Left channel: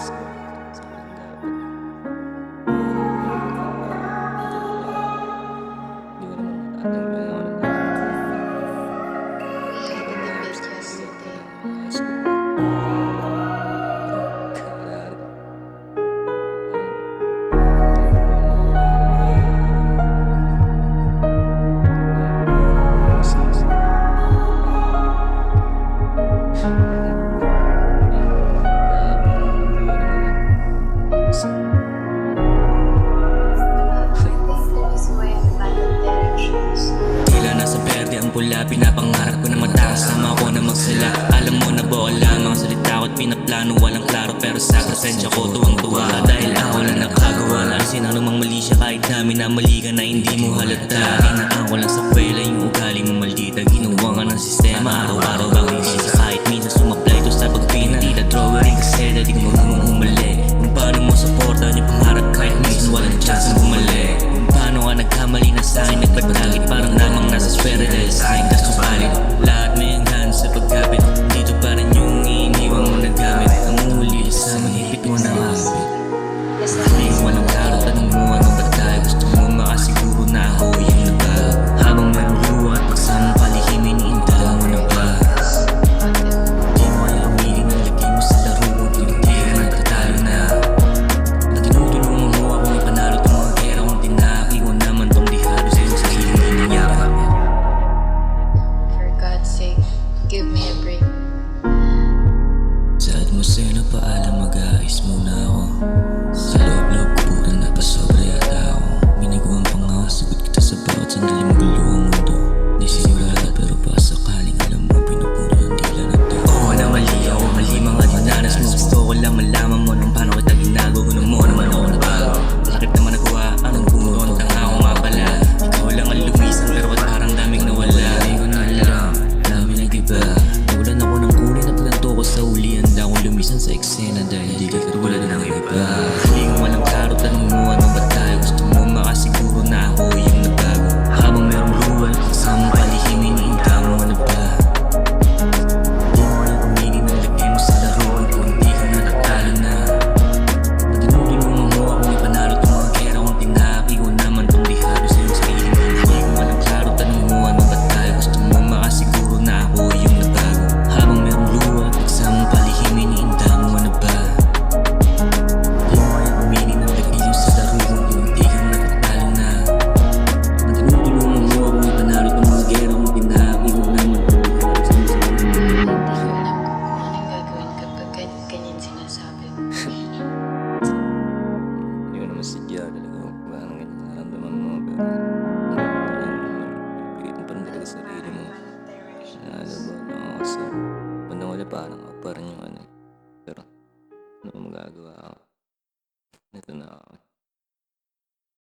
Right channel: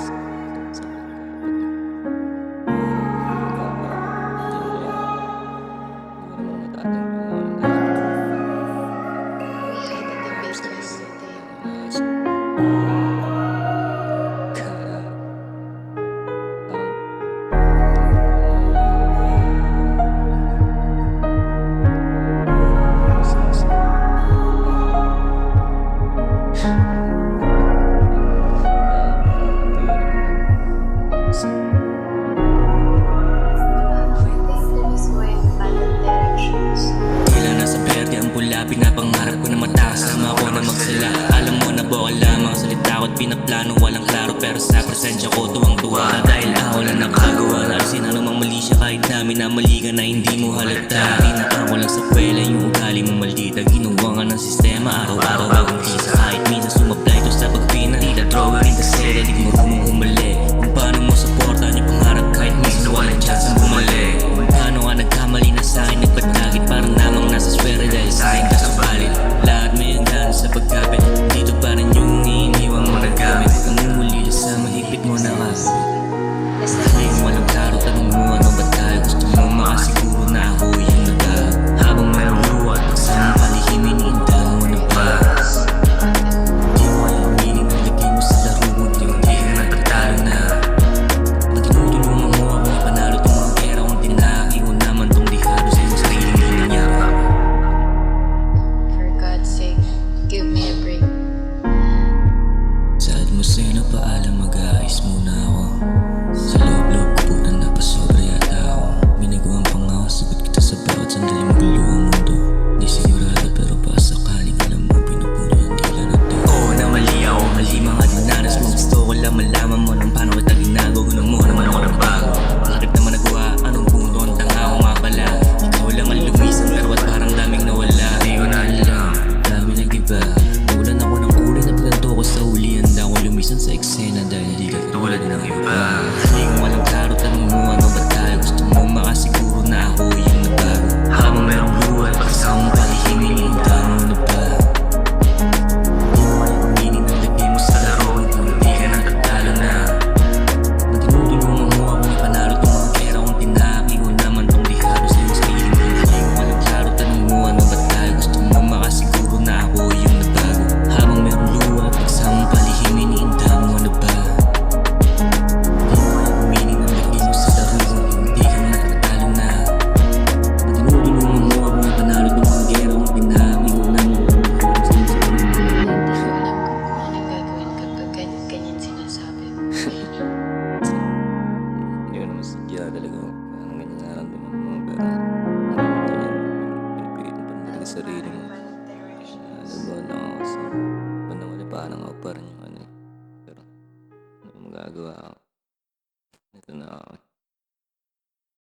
kasi sa akin dapat ano magagawa ko diyan ngayon. Hindi ko naman matatanggihan yung ano nararamdaman ko. We Hindi had ko a maayos debate sarili ko, yesterday. inaayos ko pa. Parang kara parang masisi. Dapat hindi ko naman kasi Pero I think the reason why I'm bad at directions. Tila nasa berde ang pula, pinapangarap ko na mataas. Sama ko na magsala. Alam mo na bokal lamang salita ko't pinaplano. Walang klaro pero sa presensya ko tuwang-tuwa. Dahil ako lang nakagawa na alisin anumang mali siya. Kahit namin na mali ka na hindi mo halata. Hinaan ko lang sa kwela yung ugali mo maldita. Ginawa nga ng sistema araw-araw ang hindi sa kahit minsan sumablay to sa pagpina. Tita drawer rin kasi dahil di ka marunong humali. Kung paano mo supportan yung pangarap kahit minsan walang chance ang bumalik. Kung paano ka nagkamali na sa'kin nagpadagit parang namang nasa swere dahil sa'kin ka subalit. Lahat may hanggan sa pagkapit. Dito pa rin yung iniiwan mo na gamit. Namumulila sa mahigpit mo na kapit. Ngayon walang klaro, tanong mo ano ba tayo. Gusto mo makasiguro na ako yung nabago. Habang mayroong luwa at pagsamang palihimin, iinda mo na ba? Di mo kaya aminin ang lagay mo sa laro kung di ka nagtatalo na. Na tinutulungan mo akong ipanalo tong mga gera kung tinaki ko naman tong dihado sa iyong sariling ginanyapa. For God's sake, give me a break. Sa atmosfera paalam mag-aayos muna ako. Sa loob-loob ko po na napasobra yata ako. Minagawa pa nga ako, sagot kita sa bawat sandali magulo ang mundo. Di sigurado pero pa sakaling alam mo pinupuno ng dila na to. Oo na mali ako, mali mga dinanas mo. Gusto ko lang malaman mo nang paano kita ginagawa. Kung mo naman ako nabago. Malakip naman nagawa, anong punto ang tanga ko nga pala. Ikaw lang ang lumisan pero ba't parang daming nawala. Di ko na alam, dami nag-iba. Nawalan ako ng kulay na pagkanto ko sa huli. Handa akong lumisan sa eksena dahil di ka katulad ng iba. Haling walang klaro, tanong mo ano ba tayo. Gusto mo makasiguro na ako yung nabago. Habang merong luwa at pagsamang palihimin, iinda mo na ba? Di mo kayang aminin ang lagay mo sa laro kung di ka natatalo na. Na tinutulungan mo akong ipanalo tong mga gera kung tinaki ko naman tong dihado sa iyong sariling hiling. Walang klaro, tanong mo ano ba tayo. Gusto mo makasiguro na ako yung nabago. Habang merong luwa at pagsamang palihimin, iinda mo na ba? Di mo kayang aminin ang lagay mo sa laro kung di ka natatalo na. Na tinutulungan mo akong ipanalo tong mga gera kung tinaki ko naman tong dihado sa iyong sariling hiling. Hindi ko alam kung anong gagawin kapag ganyan sinasabi mo. hindi ko naman sadya talaga parang ganyan nararamdaman mo pero hanggang ganyan pinipilit mo pa rin talaga sarili mo. Naalaba lang ako kasi bandang wala parang ako pa rin yung ano pero ano magagawa ako.